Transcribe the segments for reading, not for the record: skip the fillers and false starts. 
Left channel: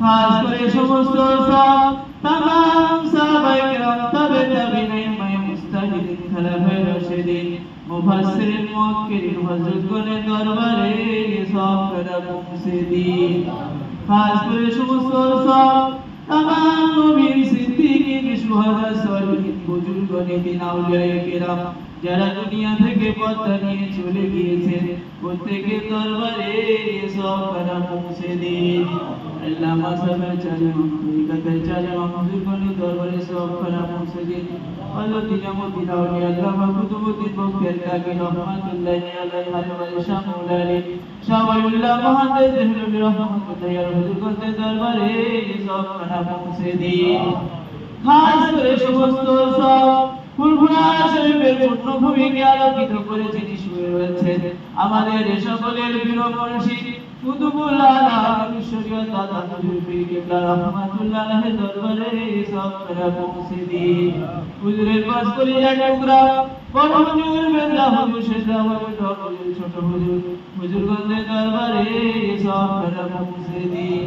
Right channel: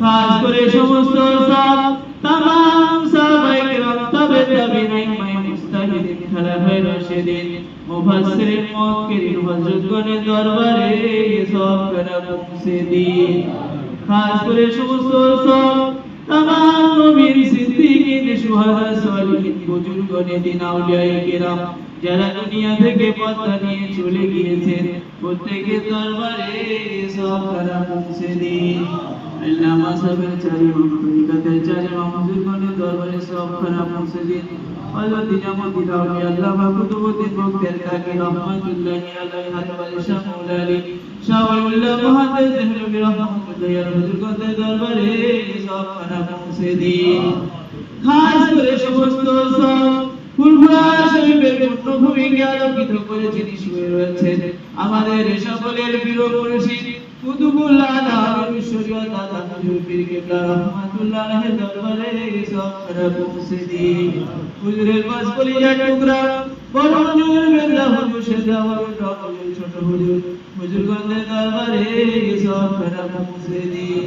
খাস করে সমস্ত সব তামাম সাহাবায়ে কেরাম তাবে তাবিঈন মুস্তাহিদিন খালাফায়ে রাশিদিন মুফাসসিরিন মুআক্কিরিন হযরতগণের দরবারে সব করা পৌঁছে দিন। খাস করে সমস্ত সব তামাম নবীর সিদ্দিকিন শুহাদা সালিহিন বুজুর্গ নেদিন আউলিয়ায়ে কেরাম যারা দুনিয়া থেকে পর্দা নিয়ে চলে গিয়েছেন প্রত্যেকের দরবারে সব করা পৌঁছে দিন। আল্লাহ মাসাবের চারি তরিকাতের চারি বুজুর্গের দরবারে সব করা পৌঁছে দিন। আল্লাহ দিনামদ্দিন আউলিয়া আল্লামা কুতুবুদ্দিন বখতিয়ার কাকি রহমাতুল্লাহি আলাইহি ওয়া শামুল আলী শাওয়ালুল্লাহ মুহাদ্দিস দেহলভী রহমাতুল্লাহি আলাইহি বুজুর্গের দরবারে সব করা পৌঁছে দিন। খাস করে সমস্ত সব ফুলফুলা শরীফের পূর্ণভূমিকে আলোকিত করে যিনি শুয়ে রয়েছেন আমাদের সকলের প্রিয় মুর্শিদ কুতুবুল্লাহ আলামিন শরীয়ত দাদা হুজুর পীর কিবলা রাহমাতুল্লাহ আলাইহি দরবারে সব করা পৌঁছে দিন। হুজুরের বাস কলিজার টুকরা বড় হুজুর মেদলা হুজুর শেখা হুজুর ছোট হুজুর হুজুরগণের দরবারে সব করা পৌঁছে দিন।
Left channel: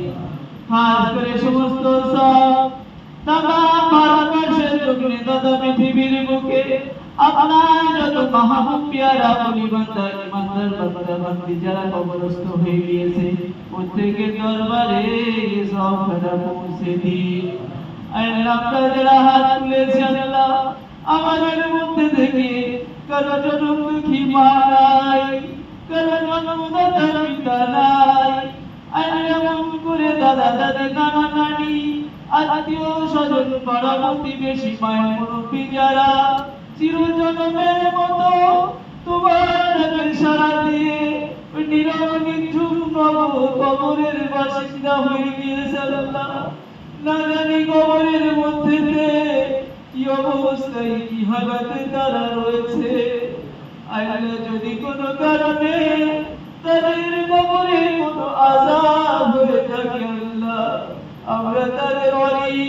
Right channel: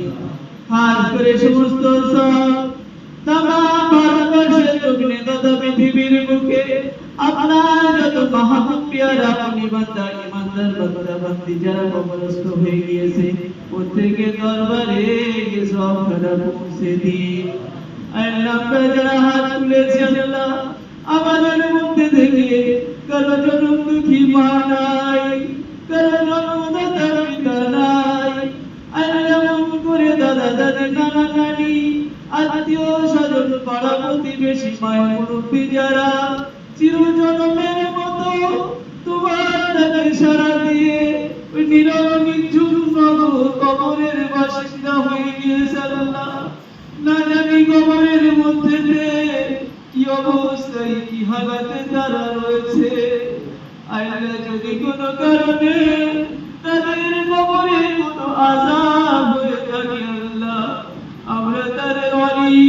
খাস করে সমস্ত সব তামাম ভারতবর্ষের জমিনে তথা পৃথিবীর বুকে আপনার যত মাহবুব পিয়ারা বলি বান্দা ইমানদার বান্দা বান্দি যারা কবরস্থ হয়ে গিয়েছে প্রত্যেকের দরবারে সব করা পৌঁছে দিন। আল্লাহ আমরা যারা হাত তুলেছি আল্লাহ আমাদের মধ্যে থেকে কারো জনম দুঃখী মা নাই, কারো জনম দাদা পিতা নাই, আল্লাহ মন করে দাদা দাদি নানা নানি আত্মীয় স্বজন পাড়া প্রতিবেশী মায়ের মুরব্বী যারা চিরজন্মের মতো তোমার ডাকে সাড়া দিয়ে ওই নীরব নিঝুম কবরের বাসিন্দা হয়ে গিয়েছে আল্লাহ না জানি কবরের মধ্যে কি অবস্থায় কি হালাতে তারা রয়েছে। আল্লাহ যদি কোনো কারণে তাদের কবরে কোনো আযাব হয়ে থাকে আল্লাহ আমরা তাদের ওয়ালি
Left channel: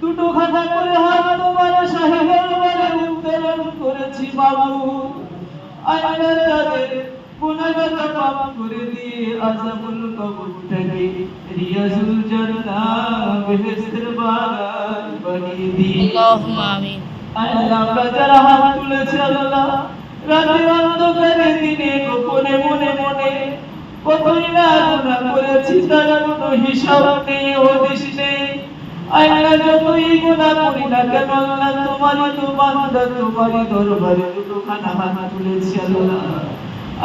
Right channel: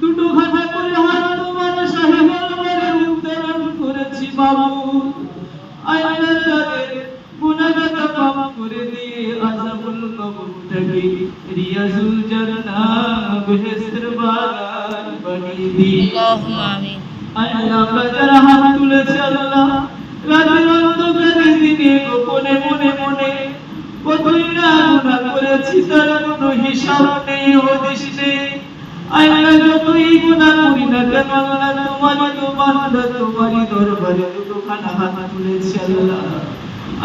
দুটো খানা করে হাত তোমার সাহেবের দরবারে উত্তোলন করেছি মাবুদ। আল্লাহ তাদের গুনাহগার মাফ করে দিয়ে আযাবুল কবর থেকে রিয়াজুল জান্নাহ বেহেশতের বাগান বানিয়ে দিন। আল্লাহুম্মা আমিন। আল্লাহ আমরা যারা হাত তুলেছি আল্লাহ রাতের অন্ধকারে দিনে গোপনে মনে মনে কতই না গুনাহ করেছি তার কোনো হিসাব নেই হদিস নেই। আল্লাহ যতই গুনাহ করি না কেন আল্লাহ তোমারই তো বান্দা তোমারই দরবারে দুটোখানা হাত তুলেছি আল্লাহ।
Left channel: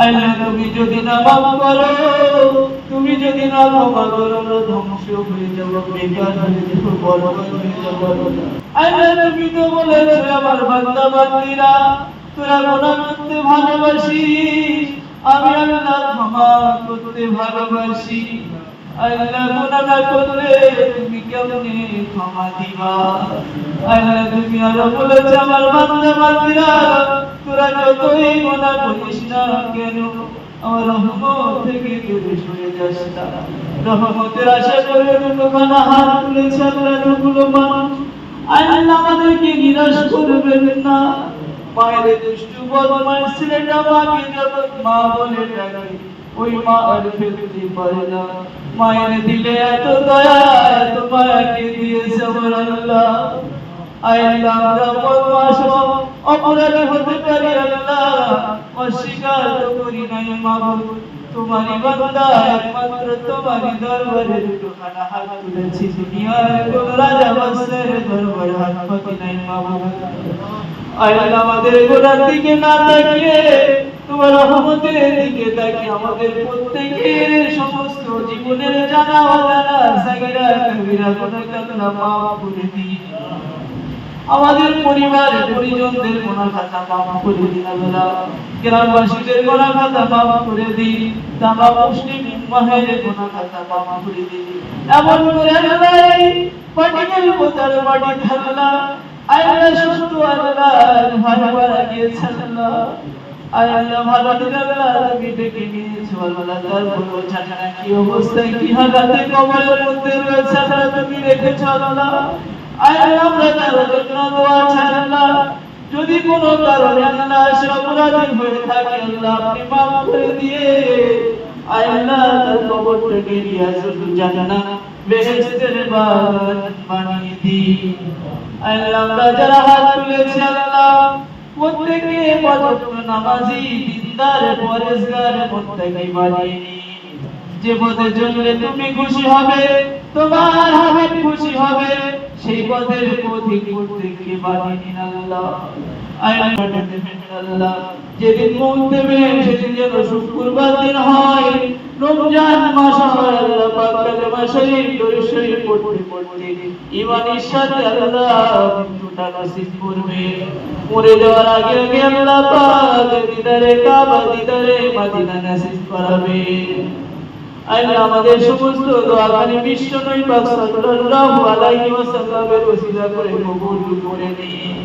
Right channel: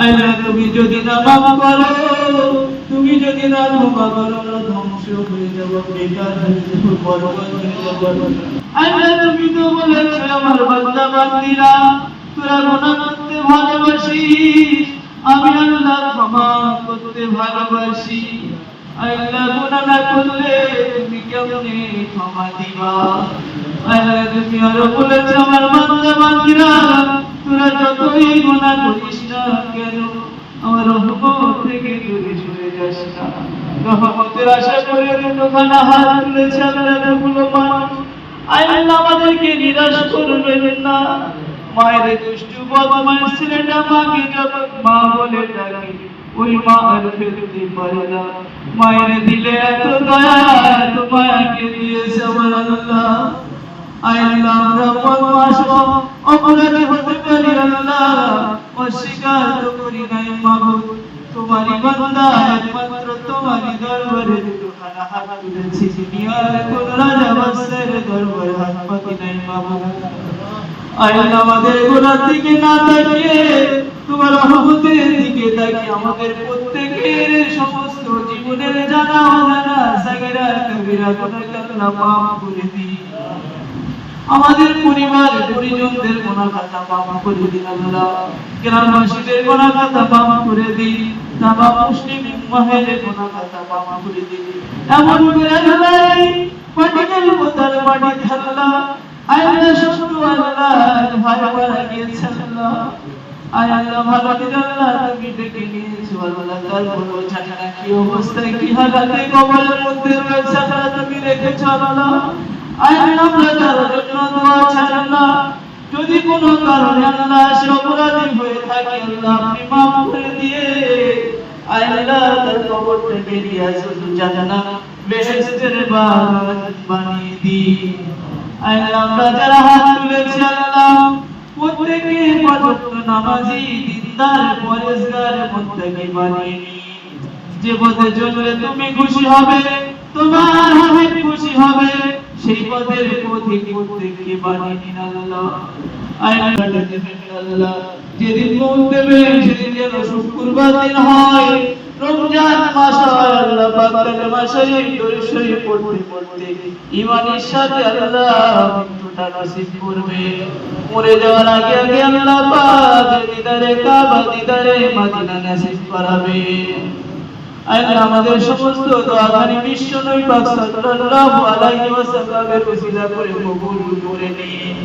আল্লাহ তুমি যদি না মাফ করো তুমি যদি না ক্ষমা করো ধ্বংস হয়ে যাবো বেকার হয়ে যাবো বরবাদ হয়ে যাবো। আল্লাহ তুমি তো বলেছো আমার বান্দা বান্দীরা তোরা গুনাহ করতে ভালোবাসিস আমি আল্লাহ ক্ষমা করতে ভালোবাসি। আল্লাহ গুনাহ না করলে তুমি কেমনে ক্ষমা দিবা। আল্লাহ তুমি আরো বলেছো আমার বান্দা বান্দীরা তোরা যতই গুনাহ করিস না কেন আমার রহমত থেকে দূরে সরে যাস না। রহমতের আশা করে দুটোখানা হাত তুলেছে আল্লাহ এতগুলো মানুষ আল্লাহ আমাদেরকে নিরাশ করবেন না। মায়ের দুষ্টু বদমাশ ছেলেটা মাকে যখন মা বলে ডাকে ওই মা আর ফেলতে পারে না। মায়ের দিলে এত দয়া এত মায়াকে দিয়েছে আমার আল্লাহ। আল্লাহ আমরা বদমাশ অপরাধী হতে পারি আল্লাহ অস্বীকার করি নাই মাবুদ তোমারই বান্দা একমাত্র তোমারই দরবারে দুটোখানা হাত তুলেছি দুনিয়ার কোন রাজা বাদশার দরবারে হাত পাতি নাই মাবুদ। আল্লাহ আমাদের গুনার দিকে না তাকিয়ে তোমার রহমতের দিকে তাকিয়ে আমাদের প্রত্যেকের সমস্ত জীবনের জানা অজানা সাগীরা কবিরা গুনাহ কাতনা মাফ করে দিন। আমাদের পরিবার পরিজনদের গুনাহ খাতা মাফ করে দিন আল্লাহ। গ্রামবাসীদের গুনাহ খাতা মাফ করে দিন। তামাম মুসলিম উম্মাহের গুনাহ খাতা মাফ করে দিন। এমন করে আল্লাহ পাটিকের বোতার বাড়ি আল্লাহ আল্লাহ শুধু আল্লাহ ভালো লাগিয়েছে আল্লাহ। আল্লাহ ভালো আল্লাহ তুমি ডেকে নিয়েছো আল্লাহ তার বড় জানা কি অবস্থায় কি হালাতে কবরের মধ্যে রয়েছে আল্লাহ তুমি রেখেছো আল্লাহ। আল্লাহ আমরা তার জন্য দোয়া চাই আল্লাহ যদি কোনো কারণে আল্লাহ অপরাধী হয়ে থাকে আল্লাহ আপনি মাফ করে দিয়ে আল্লাহ তার কবর থেকে রিয়াজুল জান্নাহ বেহেশতের বাগান বানিয়ে দিন। আল্লাহ আমরা যারা হাত তুলেছি আল্লাহ প্রত্যেকে পাঁচওয়াক্ত নামাজি দিনদার পরেশগার মুত্তাকি বানিয়ে নিন। যে পথে চললে তুমি খুশি হবে, তোমার হাবিব খুশি হবে, সেই পথের পথিক প্রত্যেককে বানিয়ে নিন আল্লাহ। আল্লাহ যেদিন মৌত দেবে সেদিন যেন শুক্রবার দিন হয়, রমজান মাস হয় আল্লাহ পাক কালেমা শরীফ দরুদ শরীফ পড়তে পড়তে ঈমানের সাথে আল্লাহ মৃত্যুটা নসিব করবে। মরে যাওয়ার আগে আগে আল্লাহ পাক দিদারে কাবা দিদারে মদিনা নসিব করাবে। আল্লাহ আমাদের সমস্ত দোয়াখানি বিশ্ব নবী পাক সাল্লাল্লাহু আলাইহি ওয়াসাল্লামের ওসিলা করে কবুল করে নিন।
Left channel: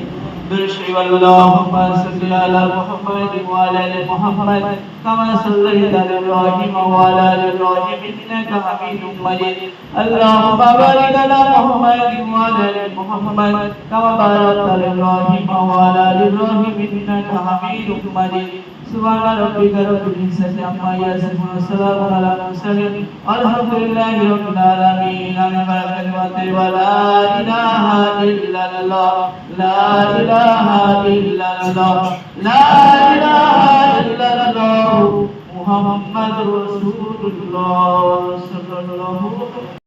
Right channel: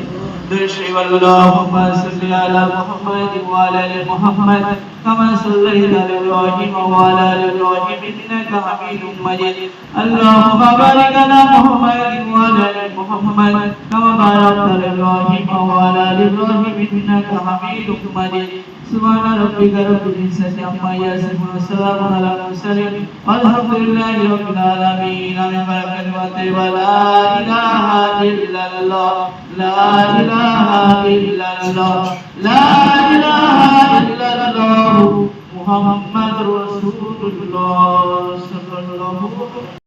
দুরূদ আল্লাহুম্মা সাল্লি আলা মুহাম্মাদ ওয়া আলা আলি মুহাম্মাদ কামা সাল্লাইতা আলা ইব্রাহিম ওয়া আলা আলি ইব্রাহিম ইন্নাকা হামিদুম মাজিদ। আল্লাহুম্মা বারিক আলা মুহাম্মাদ ওয়া আলা আলি মুহাম্মাদ কামা বারাকতা আলা ইব্রাহিম ওয়া আলা আলি ইব্রাহিম ইন্নাকা হামিদুম মাজিদ। سبحان ربك رب العزة عما يصفون وسلام على المرسلين والحمد لله رب العالمين. ولا إله إلا الله لا إله إلا الله لا إله إلا الله محمد رسول الله صلى الله عليه وسلم.